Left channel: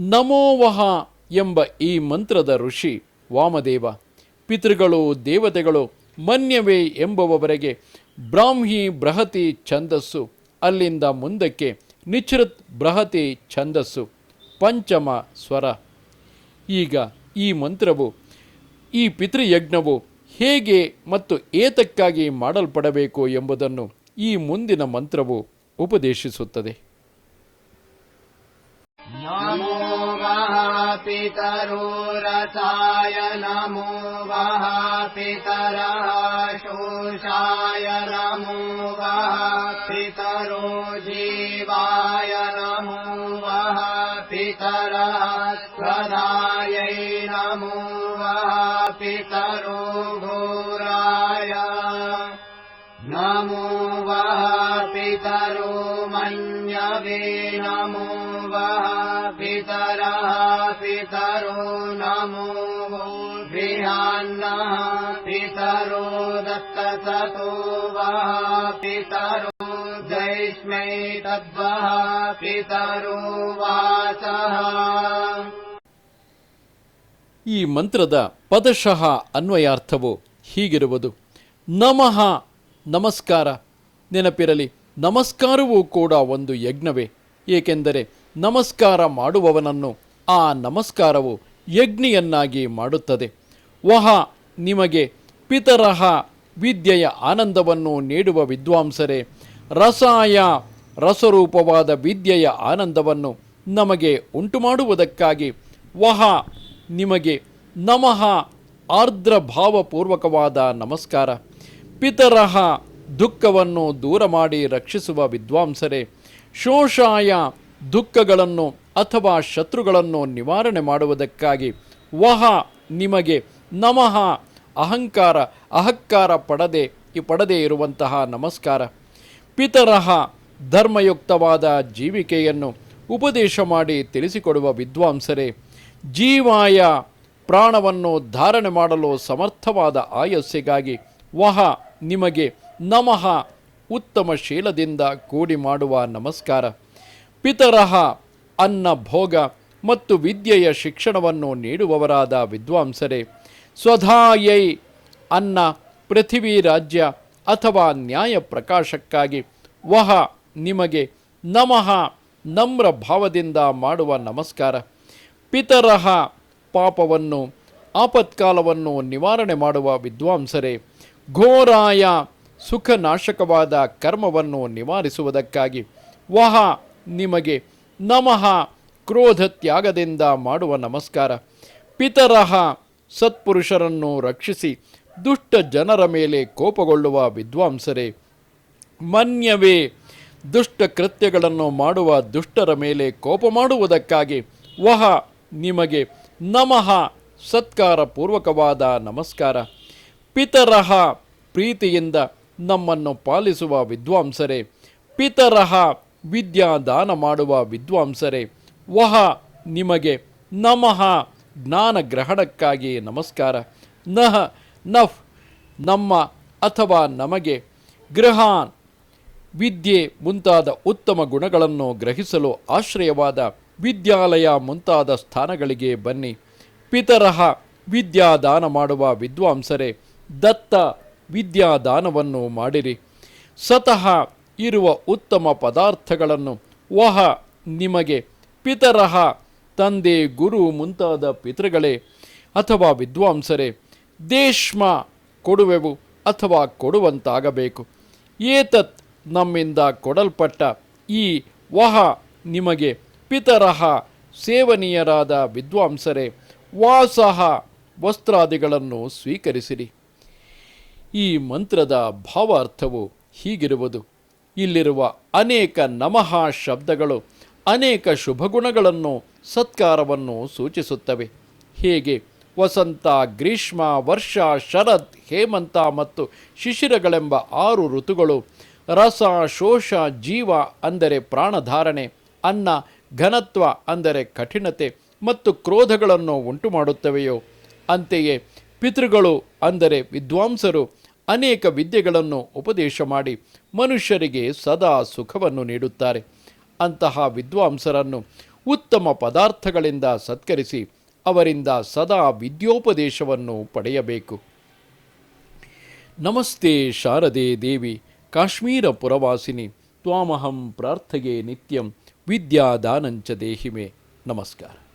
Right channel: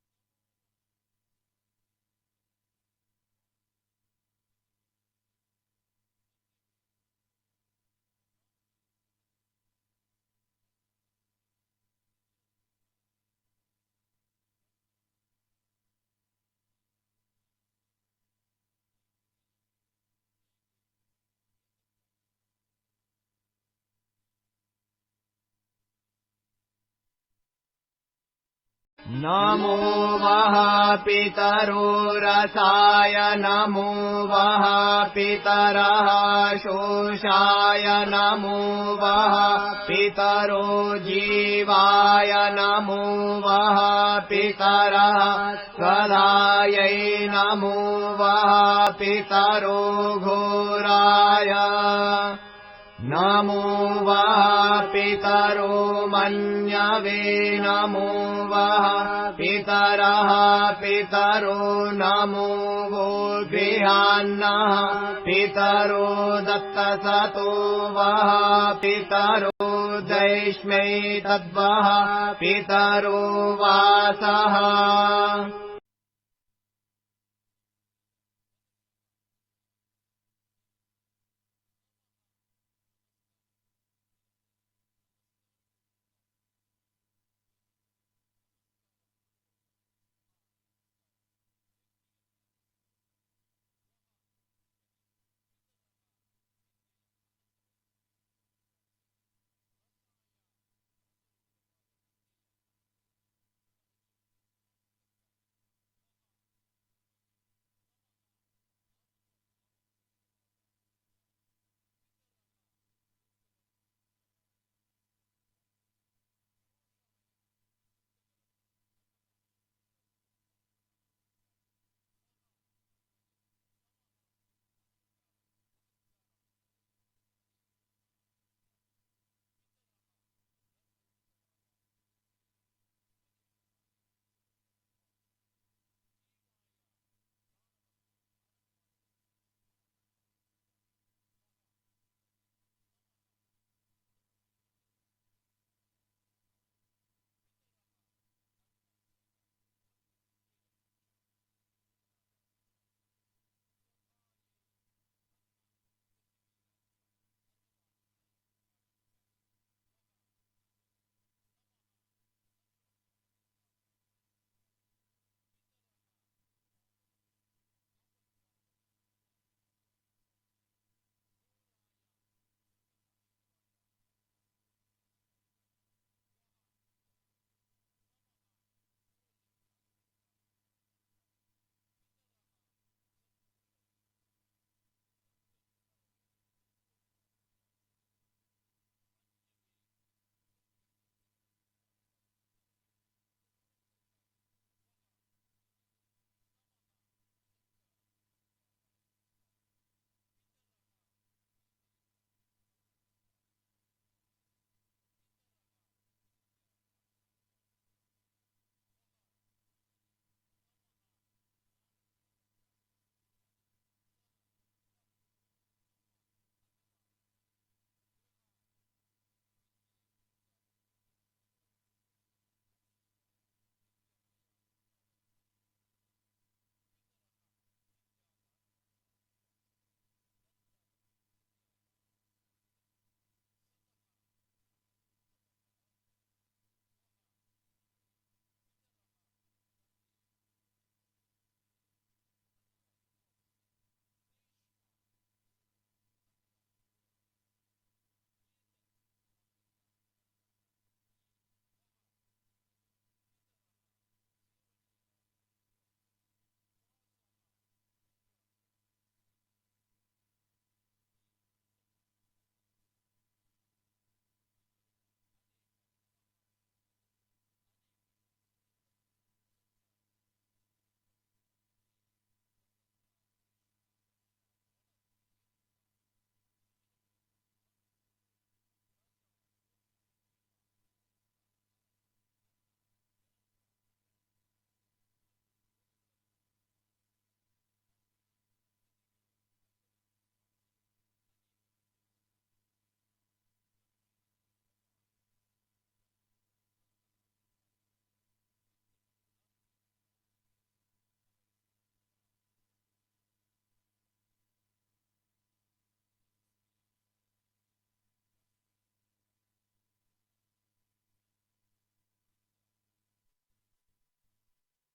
ನಮೋವಹ ಎಂಬ ಈ ಮಂತ್ರದ ಋಷಿ, ವಾಮದೇವ, ಪಿತೃಗಳು, ದೇವತೆಗಳು, ಮನ್ಯವೇ ಎಂಬುವವರೆಗೆ ಬ್ರಾಹ್ಮಿ ಬೃಹತಿ ಛಂದಸ್ಸು, ಅಲ್ಲಿಂದ ಮುಂದಕ್ಕೆ ನಿಚ್ರತ್ ಬೃಹತಿ ಛಂದಸ್ಸು, ಪಂಚಮ ಸ್ವರ. ಈಗ ಈ ಮಂತ್ರವು, ಈ ಪಿತೃಯಜ್ಞವು ಹೇಗೆ ಮತ್ತು ಏತಕ್ಕಾಗಿ ಮಾಡಲ್ಪಡಬೇಕು ಎಂಬುದನ್ನು ಈ ಮುಂದಿನ ಮಂತ್ರವು ಉಪದೇಶಿಸುತ್ತದೆ. नमो वः पितरो रसाय नमो वः पितरः शोषाय नमो वः पितरो जीवाय नमो वः पितरः स्वधायै नमो वः पितरो घोराय नमो वः पितरो मन्यवे नमो वः पितरः पितरो नमो वो गृहान्नः पितरो दत्तसतो वः पितरो दैष्मै तद्वः पितरो वासः ಈ ಮಂತ್ರದ ಪದಶಃ ಅನ್ವಯಾರ್ಥವು ಹೀಗಿರುವುದು ನಮಃ ನಮಸ್ಕಾರ. ನೆನಪಿರಲಿ, ನಮಸ್ಕಾರವೂ ಕೂಡ ಒಂದು ಯಜ್ಞವೇ. ಏಕೆಂದರೆ ನಮಸ್ಕಾರ ಮಾಡುವವನನ್ನು ಆ ನಮಸ್ಕಾರವು ಯಜ್ಞಿಯನ್ನಾಗಿ ಮಾಡುತ್ತದೆ. ವಹ, ನಿಮಗೆ ಪಿತರಹ ವಿದ್ಯೆಯ ಆನಂದವನ್ನು ನೀಡುವ ವಿದ್ವಾಂಸರೇ, ರಸಾಯ ರಸರೂಪವಾದ ವಿದ್ಯೆಯ ಆನಂದವನ್ನು ನಮಗೆ ಉಂಟು ಮಾಡುವುದಕ್ಕಾಗಿ ವಹ, ನಿಮಗೆ ನಮಃ ಆರ್ದ್ರ ಭಾವಪೂರ್ವಕವಾದ ನಮಸ್ಕಾರ. ಪಿತರಹ ದುಃಖವನ್ನು ದೂರ ಮಾಡಿ ರಕ್ಷಿಸುವ ವಿದ್ವಾಂಸರೇ, ಶೋಷಾಯ ದುಃಖಗಳನ್ನು ಅಥವಾ ಶತ್ರುಗಳನ್ನು ನಿವಾರಣೆ ಮಾಡುವುದಕ್ಕಾಗಿ ವಹ ನಿಮಗೆ ನಮಃ ಅಹಂಕಾರ ಅಹಂಕಾರ ಪಡದೆ, ಪಡದೇ ಇರುವಂತಹ ನಮಸ್ಕಾರ. ಪಿತರಹ ಧರ್ಮಯುಕ್ತವಾದ ಜೀವಿಕೆಯನ್ನು ಉಪದೇಶ ಮಾಡಿ ತಿಳಿಸಿಕೊಡುವ ವಿದ್ವಾಂಸರೇ, ಜೀವಾಯ ಪ್ರಾಣವನ್ನು ಧಾರಣೆ ಮಾಡಲು ಸಮರ್ಥವಾದ ಆಯಸ್ಸಿಗಾಗಿ ವಹ ನಿಮಗೆ ನಮಃ ಉತ್ತಮ ಶೀಲದಿಂದ ಕೂಡಿ ಮಾಡುವ ನಮಸ್ಕಾರ. ಪಿತರಹ ಅನ್ನ ಭೋಗ ಮತ್ತು ವಿದ್ಯೆಯ ಶಿಕ್ಷಣವನ್ನು ನೀಡುವವರಾದ ವಿದ್ವಾಂಸರೇ ಸ್ವಧಾಯೈ ಅನ್ನ ಪೃಥಿವಿ ರಾಜ್ಯ ಅಥವಾ ನ್ಯಾಯ ಪ್ರಕಾಶಕ್ಕಾಗಿ ವಹ ನಿಮಗೆ ನಮಃ ನಮ್ರ ಭಾವದಿಂದ ಮಾಡುವ ನಮಸ್ಕಾರ. ಪಿತರಹ ಪಾಪವನ್ನು, ಆಪತ್ಕಾಲವನ್ನು ನಿವಾರಣೆ ಮಾಡುವ ವಿದ್ವಾಂಸರೇ ಘೋರಾಯ ಸುಖನಾಶಕವಾದ ಕರ್ಮವನ್ನು ನಿವಾರಿಸುವುದಕ್ಕಾಗಿ ವಹ ನಿಮಗೆ ನಮಃ ಕ್ರೋಧ ತ್ಯಾಗದಿಂದ ಮಾಡುವ ನಮಸ್ಕಾರ. ಪಿತರಹ ಸತ್ಪುರುಷರನ್ನು ರಕ್ಷಿಸಿ ದುಷ್ಟ ಜನರ ಮೇಲೆ ಕೋಪಗೊಳ್ಳುವ ವಿದ್ವಾಂಸರೇ, ಮನ್ಯವೇ, ದುಷ್ಟ ಕೃತ್ಯಗಳನ್ನು ಮಾಡುವ ದುಷ್ಟರ ಮೇಲೆ ಕೋಪ ಮಾಡುವುದಕ್ಕಾಗಿ ವಹ ನಿಮಗೆ ನಮಃ ಸತ್ಕಾರ ಪೂರ್ವಕವಾದ ನಮಸ್ಕಾರ. ಪಿತರಹ ಪ್ರೀತಿಯಿಂದ ನಮ್ಮನ್ನು ಪಾಲಿಸುವ ವಿದ್ವಾಂಸರೇ, ಪಿತರಹ ವಿದ್ಯಾದಾನ ಮಾಡುವ ವಿದ್ವಾಂಸರೇ, ವಹ ನಿಮಗೆ ನಮಃ ಜ್ಞಾನ ಗ್ರಹಣಕ್ಕಾಗಿ ನಮಸ್ಕಾರ. ನಹ ನಫ್ ನಮ್ಮ ಅಥವಾ ನಮಗೆ ಗ್ರಹಾನ್ ವಿದ್ಯೆ ಮುಂತಾದ ಉತ್ತಮ ಗುಣಗಳನ್ನು ಗ್ರಹಿಸಲು ಆಶ್ರಯವಾದ ವಿದ್ಯಾಲಯ ಮುಂತಾದ ಸ್ಥಾನಗಳಿಗೆ ಬನ್ನಿ. ಪಿತರಹ ವಿದ್ಯಾದಾನ ಮಾಡುವ ವಿದ್ವಾಂಸರೇ ದತ್ತ ವಿದ್ಯಾದಾನವನ್ನು ಮಾಡಿರಿ. ಸತಃ ಇರುವ ಉತ್ತಮ ಪದಾರ್ಥಗಳನ್ನು ವಹ ನಿಮಗೆ. ಪಿತರಹ ತಂದೆ ಗುರು ಮುಂತಾದ ಪಿತೃಗಳೇ. ಅಥವಾ ವಿದ್ವಾಂಸರೇ ದೇಶ್ಮ ಕೊಡುವೆವು ಅಥವಾ ಕೊಡುವಂತಾಗಬೇಕು. ಏತತ್ ನಮ್ಮಿಂದ ಕೊಡಲ್ಪಟ್ಟ ಈ ವಹ ನಿಮಗೆ. ಪಿತರಹ ಸೇವನೀಯರಾದ ವಿದ್ವಾಂಸರೇ, ವಾಸಹ ವಸ್ತ್ರಾದಿಗಳನ್ನು ಸ್ವೀಕರಿಸಿರಿ. ಈ ಮಂತ್ರದ ಭಾವಾರ್ಥವು ಹೀಗಿರುವುದು. ಇಲ್ಲಿರುವ ಅನೇಕ ನಮಃ ಶಬ್ದಗಳು, ಅನೇಕ ಶುಭಗುಣಗಳನ್ನು ಸತ್ಕಾರವನ್ನು ಸೂಚಿಸುತ್ತವೆ. ಹೇಗೆ ವಸಂತ, ಗ್ರೀಷ್ಮ, ವರ್ಷ, ಶರತ್, ಹೇಮಂತ ಮತ್ತು ಶಿಶಿರಗಳೆಂಬ ಆರು ಋತುಗಳು ರಸ, ಶೋಷ, ಜೀವ ಅಂದರೆ ಪ್ರಾಣಧಾರಣೆ, ಅನ್ನ, ಘನತ್ವ ಅಂದರೆ ಕಠಿಣತೆ ಮತ್ತು ಕ್ರೋಧಗಳನ್ನು ಉಂಟು ಮಾಡುತ್ತವೆಯೋ ಅಂತೆಯೇ ಪಿತೃಗಳು ಅಂದರೆ ವಿದ್ವಾಂಸರು ಅನೇಕ ವಿದ್ಯೆಗಳನ್ನು ಉಪದೇಶ ಮಾಡಿ ಮನುಷ್ಯರಿಗೆ ಸದಾ ಸುಖವನ್ನು ನೀಡುತ್ತಾರೆ. ಅಂತಹ ವಿದ್ವಾಂಸರನ್ನು ಉತ್ತಮ ಪದಾರ್ಥಗಳಿಂದ ಸತ್ಕರಿಸಿ ಅವರಿಂದ ಸದಾ ವಿದ್ಯೋಪದೇಶವನ್ನು ಪಡೆಯಬೇಕು. ನಮಸ್ತೆ ಶಾರದೆ ದೇವಿ, ಕಾಶ್ಮೀರ ಪುರವಾಸಿನಿ, ತ್ವಾಮಹಂ ಪ್ರಾರ್ಥಯೇ ನಿತ್ಯಂ, ವಿದ್ಯಾದಾನಂಚ ದೇಹಿಮೆ. ನಮಸ್ಕಾರ.